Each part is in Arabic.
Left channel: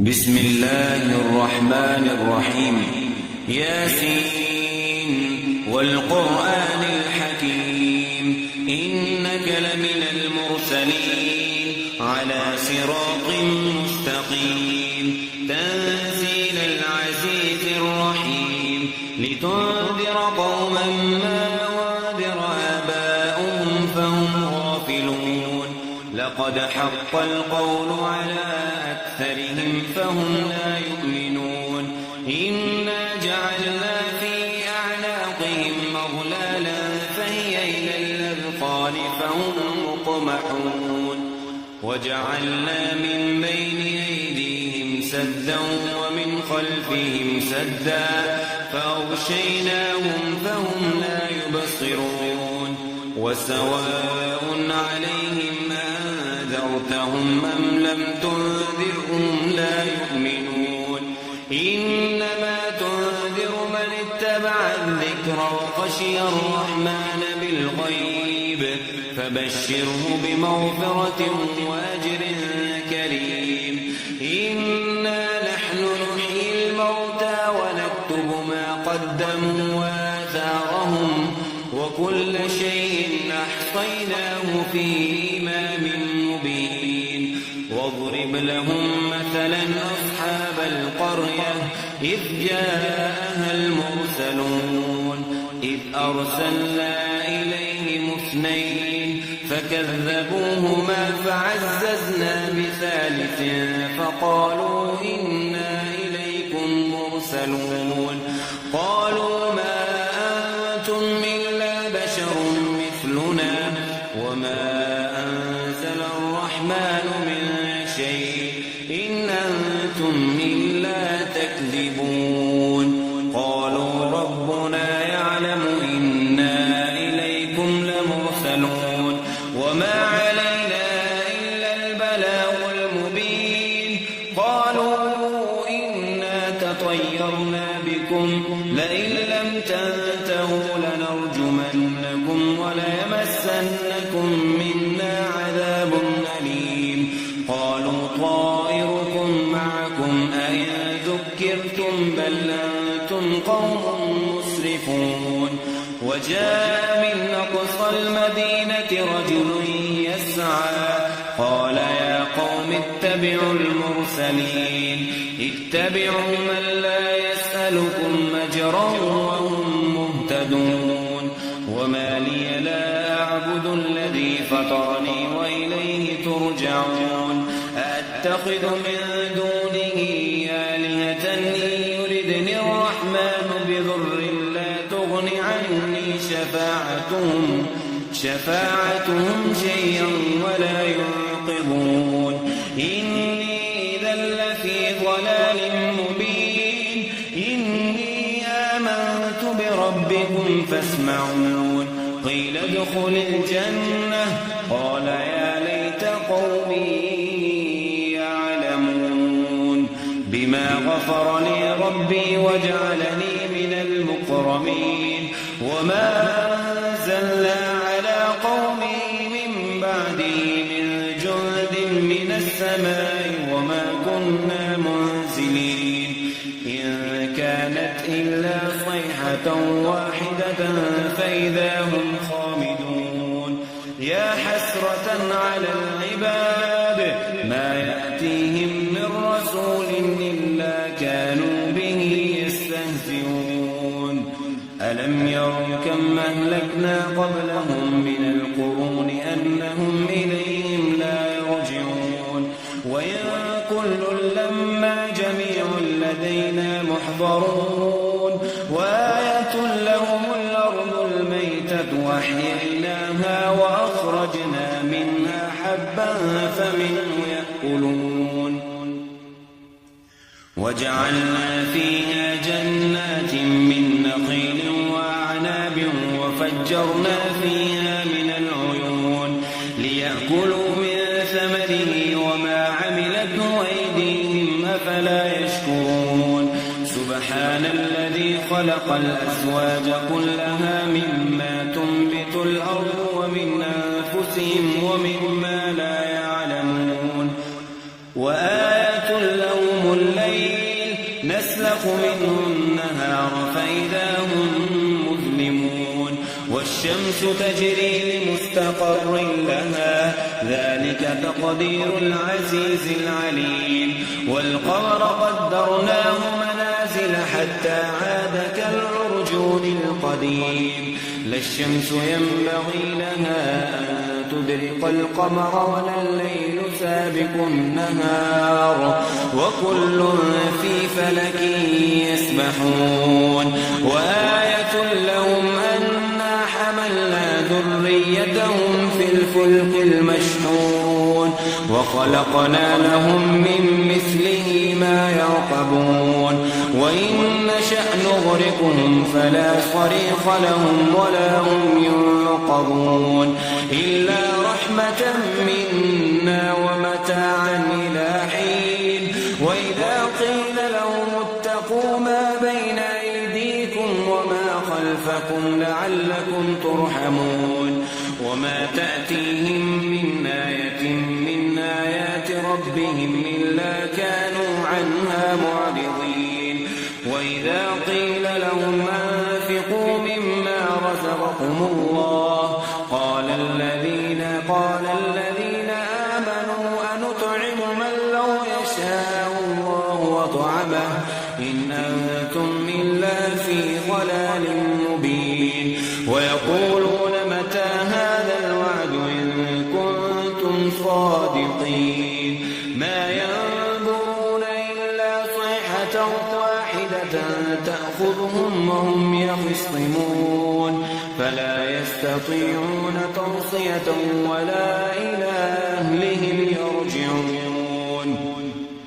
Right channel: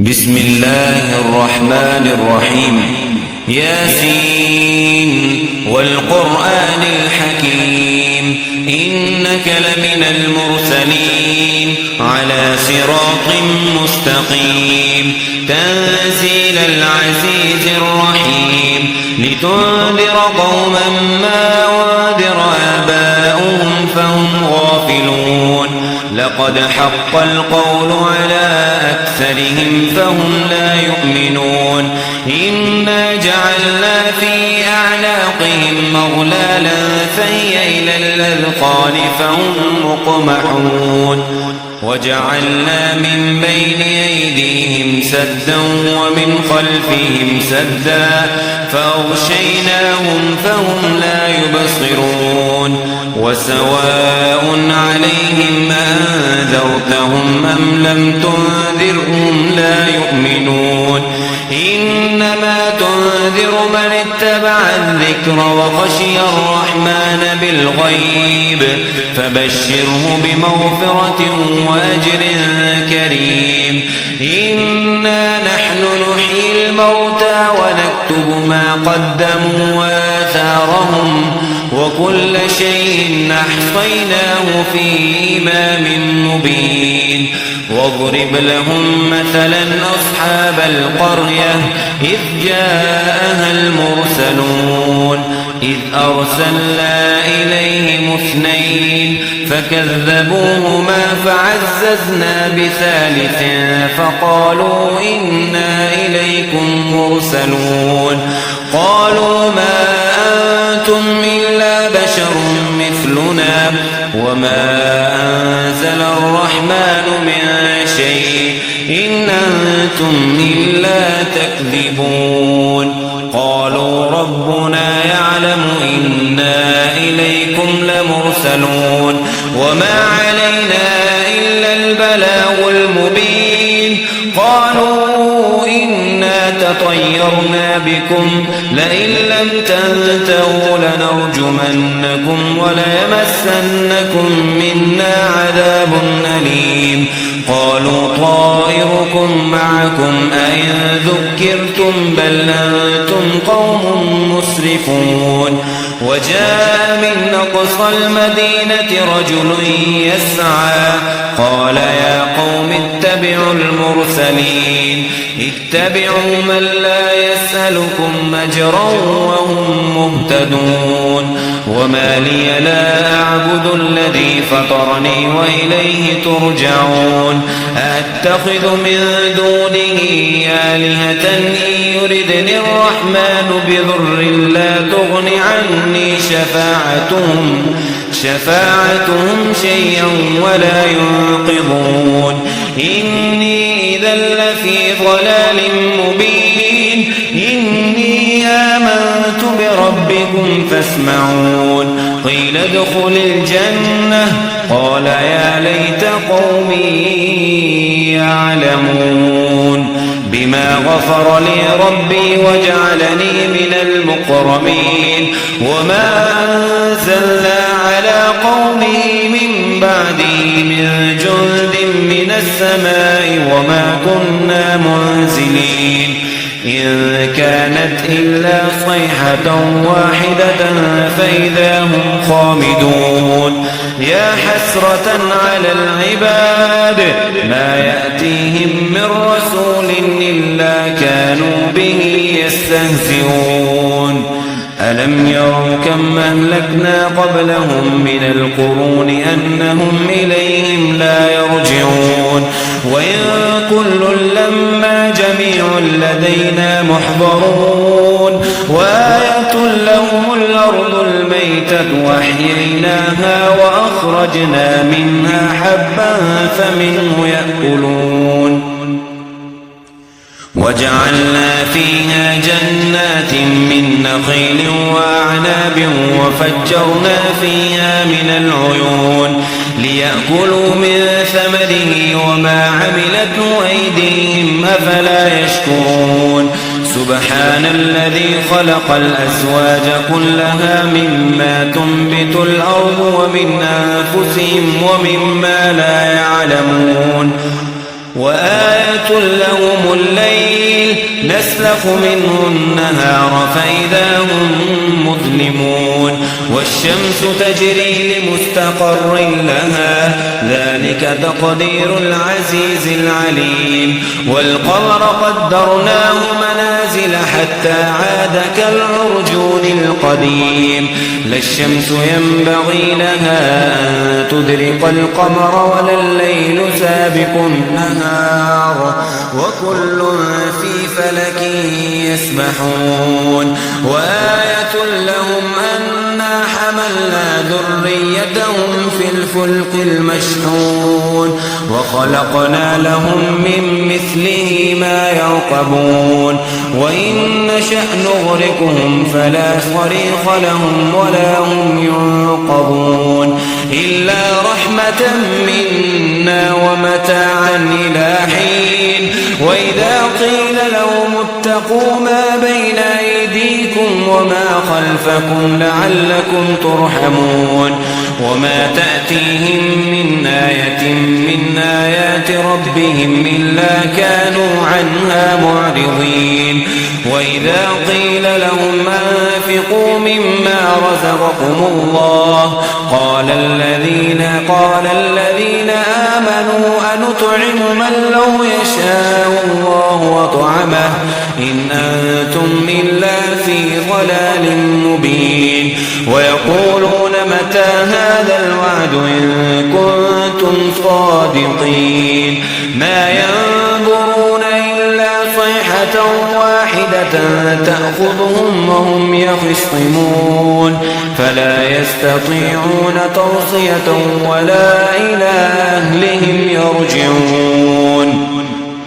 بسم الله الرحمن الرحيم. ياسين والقرآن الحكيم إنك لمن المرسلين على صراط مستقيم تنزيل العزيز الرحيم لتنذر قوما ما أنذر آباؤهم فهم غافلون لقد حق القول على أكثرهم فهم لا يؤمنون إنا جعلنا في أعناقهم أغلالا فهي إلى الأذقان فهم مقمحون وجعلنا من بين أيديهم سدا ومن خلفهم سدا فأغشيناهم فهم لا يبصرون وسواء عليهم أنذرتهم أم لم تنذرهم لا يؤمنون إنما تنذر من اتبع الذكر وخشي الرحمن بالغيب فبشره بمغفرة وأجر كريم إنا نحن نحيي الموتى ونكتب ما قدموا وآثارهم وكل شيء أحصيناه في إمام مبين واضرب لهم مثلا أصحاب القرية إذ جاءها المرسلون إذ أرسلنا إليهم اثنين فكذبوهما فعززنا بثالث فقالوا إنا إليكم مرسلون قالوا ما أنتم إلا بشر مثلنا وما أنزل الرحمن من شيء إن أنتم إلا تكذبون قالوا ربنا يعلم إنا إليكم لمرسلون وما علينا إلا البلاغ المبين قالوا إنا تطيرنا بكم لئن لم تنتهوا لنرجمنكم وليمسنكم منا عذاب أليم قالوا طائركم معكم أئن ذكرتم بل أنتم قوم مسرفون وجاء من أقصى المدينة رجل يسعى قال يا قوم اتبعوا المرسلين اتبعوا من لا يسألكم أجرا وهم مهتدون وما لي لا أعبد الذي فطرني وإليه ترجعون أتخذ من دونه آلهة إن يردني الرحمن بضر لا تغن عني شفاعتهم شيئا ولا ينقذون إني إذا لفي ضلال مبين إني آمنت بربكم فاسمعون قيل ادخل الجنة قال يا ليت قومي يعلمون بما غفر لي ربي وجعلني من المكرمين وما أنزلنا على قومه من بعده من جند من السماء وما كنا منزلين إن كانت إلا صيحة واحدة فإذا هم خامدون يا حسرة على العباد ما يأتيهم من رسول إلا كانوا به يستهزئون ألم يروا كم أهلكنا قبلهم من القرون أنهم إليهم لا يرجعون وإن كل لما جميع لدينا محضرون وآية لهم الأرض الميتة وأحييناها وأخرجنا منها حبا فمنه يأكلون وجعلنا فيها جنات من نخيل وأعناب وفجرنا فيها من العيون ليأكلوا من ثمره وما عملته أيديهم أفلا يشكرون سبحان الذي خلق الأزواج كلها مما تنبت الأرض ومن أنفسهم ومما لا يعلمون وآية لهم يسلخ منه النهار فإذا هم مظلمون والشمس تجري لمستقر لها ذلك تقدير العزيز العليم والقمر قدرناه منازل حتى عاد كالعرجون القديم لا الشمس ينبغي لها أن تدرك القمر ولا الليل سابق النهار وكل في فلك يسبحون وآية لهم أنا حملنا ذريتهم في الفلك المشحون وخلقنا لهم من مثله ما يركبون وإن نشأ نغرقهم فلا صريخ لهم ولا هم ينقذون إلا رحمة منا ومتاعا إلى حين وإذا قيل لهم اتقوا ما بين أيديكم وما خلفكم لعلكم ترحمون وما تأتيهم من آية من آيات ربهم إلا كانوا عنها معرضين وإذا قيل لهم أنفقوا مما رزقكم الله قال الذين آمنوا أنطعم من لو يشاء الله وطعمه إن أنتم إلا في ضلال مبين ويقولون متى هذا الوعد إن كنتم صادقين ما ينظرون إلا صيحة واحدة تأخذهم وهم يخصمون فلا يستطيعون توصية ولا إلى أهلهم يرجعون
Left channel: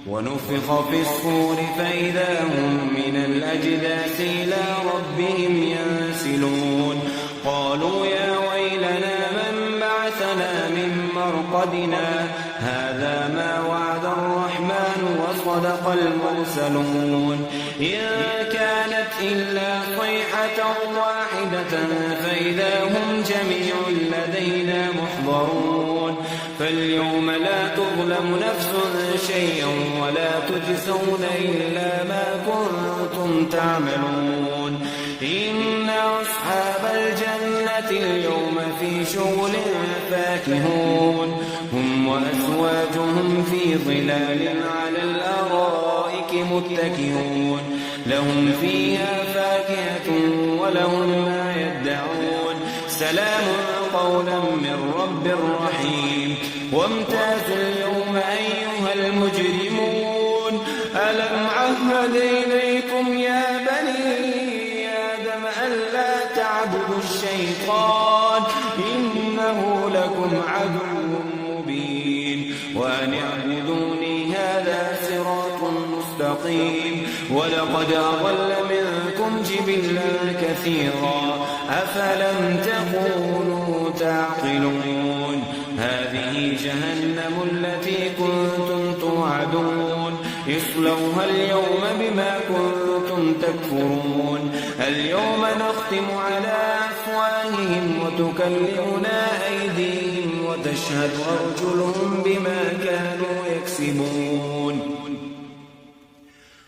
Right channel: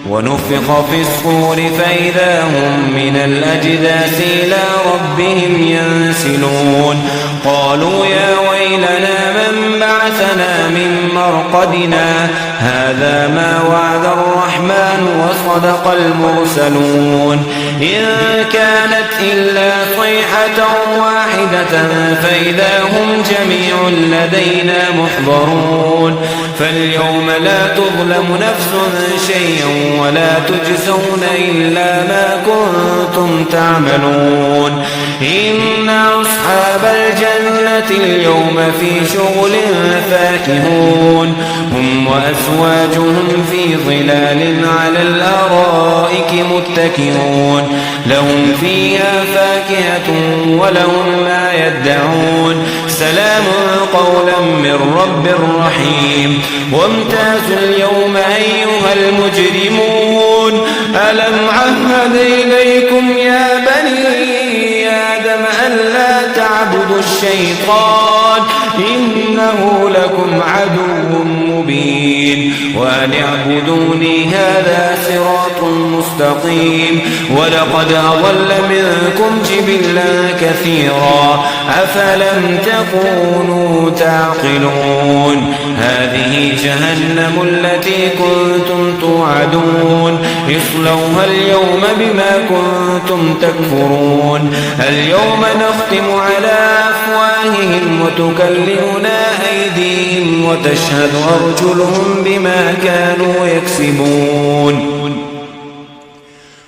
ونفخ في الصور فإذا هم من الأجداث إلى ربهم ينسلون قالوا يا ويلنا من بعثنا من مرقدنا هذا ما وعد الرحمن وصدق المرسلون إن كانت إلا صيحة واحدة فإذا هم جميع لدينا محضرون فاليوم لا تظلم نفس شيئا ولا تجزون إلا ما كنتم تعملون إن أصحاب الجنة اليوم في شغل فاكهون هم وأزواجهم في ظلال على الأرائك متكئون لهم فيها فاكهة ولهم ما يدعون سلام قولا من رب رحيم وامتازوا اليوم أيها المجرمون ألم عهد إليكم يا بني آدم ألا تعبدوا الشيطان إنه لكم عدو مبين وأن اعبدوني هذا صراط مستقيم ولقد أضل منكم جبلا كثيرا أفلم تكونوا تعقلون هذه جهنم التي كنتم توعدون اصلوها اليوم بما كنتم تكفرون اليوم نختم على أفواههم وتكلمنا أيديهم وتشهد أرجلهم بما كانوا يكسبون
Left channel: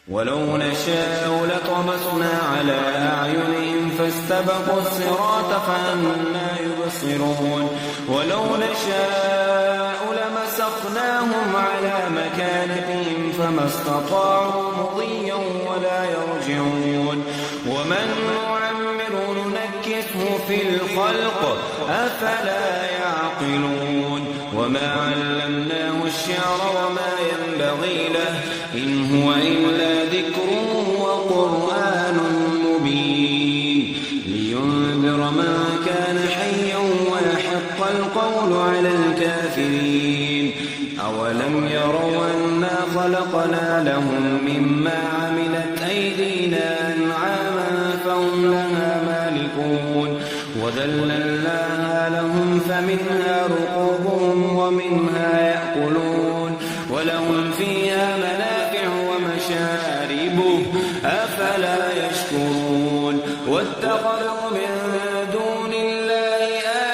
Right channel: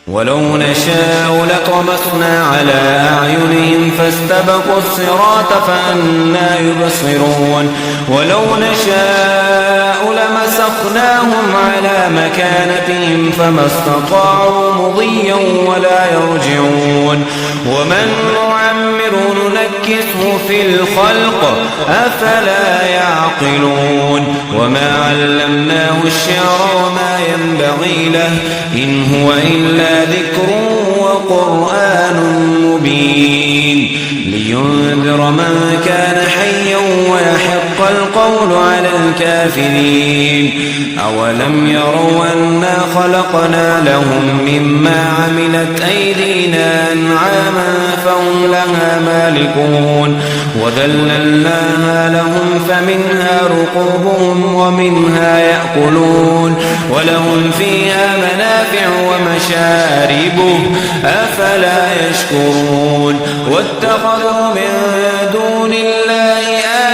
ولو نشاء لطمسنا على أعينهم فاستبقوا الصراط فأنى يبصرون ولو نشاء لمسخناهم على مكانتهم فما استطاعوا مضيا ولا يرجعون ومن نعمر ننكسه في الخلق أفلا يعقلون وما علمناه الشعر وما ينبغي له إن هو إلا ذكر وقرآن مبين لينذر من كان حيا ويحق القول على الكافرين أولم يروا أنا خلقنا لهم مما عملت أيدينا أنعاما فهم لها مالكون وذللناها لهم فمنها ركوبهم ومنها يأكلون ولهم فيها منافع ومشارب أفلا يشكرون واتخذوا من دون الله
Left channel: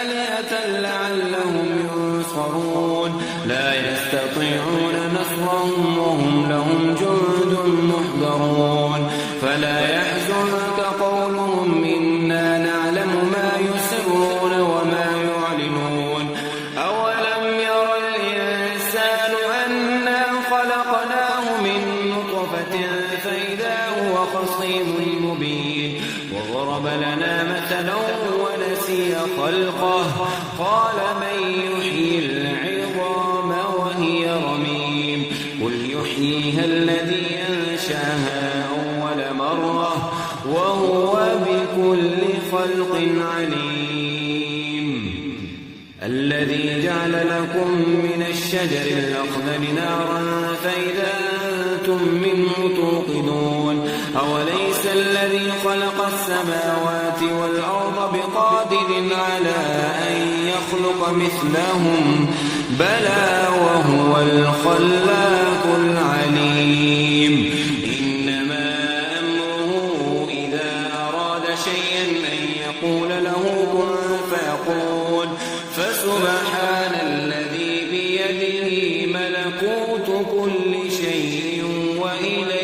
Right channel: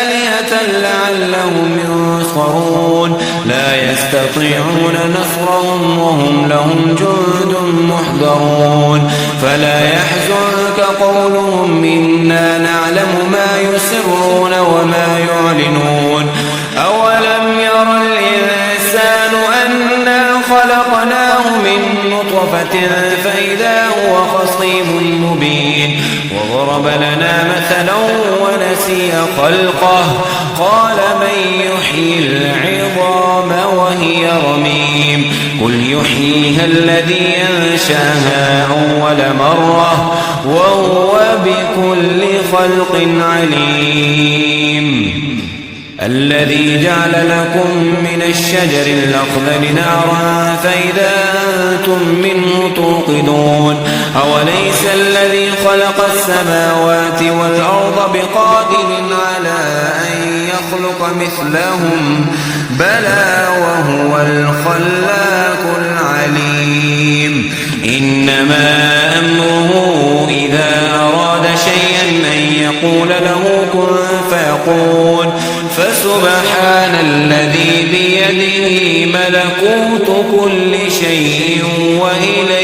آلهة لعلهم ينصرون لا يستطيعون نصرهم وهم لهم ولهم جند محضرون فلا يحزنك قولهم إنا نعلم ما يسرون وما يعلنون أولم ير الإنسان أنا خلقناه من نطفة فإذا هو خصيم مبين وضرب لنا مثلا ونسي خلقه قال من يحيي العظام وهي رميم قل يحييها الذي أنشاها أول مرة وهو بكل خلق عليم الذي جعل لكم من الشجر الأخضر نارا فإذا أنتم منه توقدون أوليس الذي خلق السماوات والأرض بقادر على أن يخلق مثلهم بلى وهو الخلاق العليم إنما أمره إذا أراد شيئا أن يقول له كن فيكون فسبحان الذي بيده ملكوت كل شيء وإليه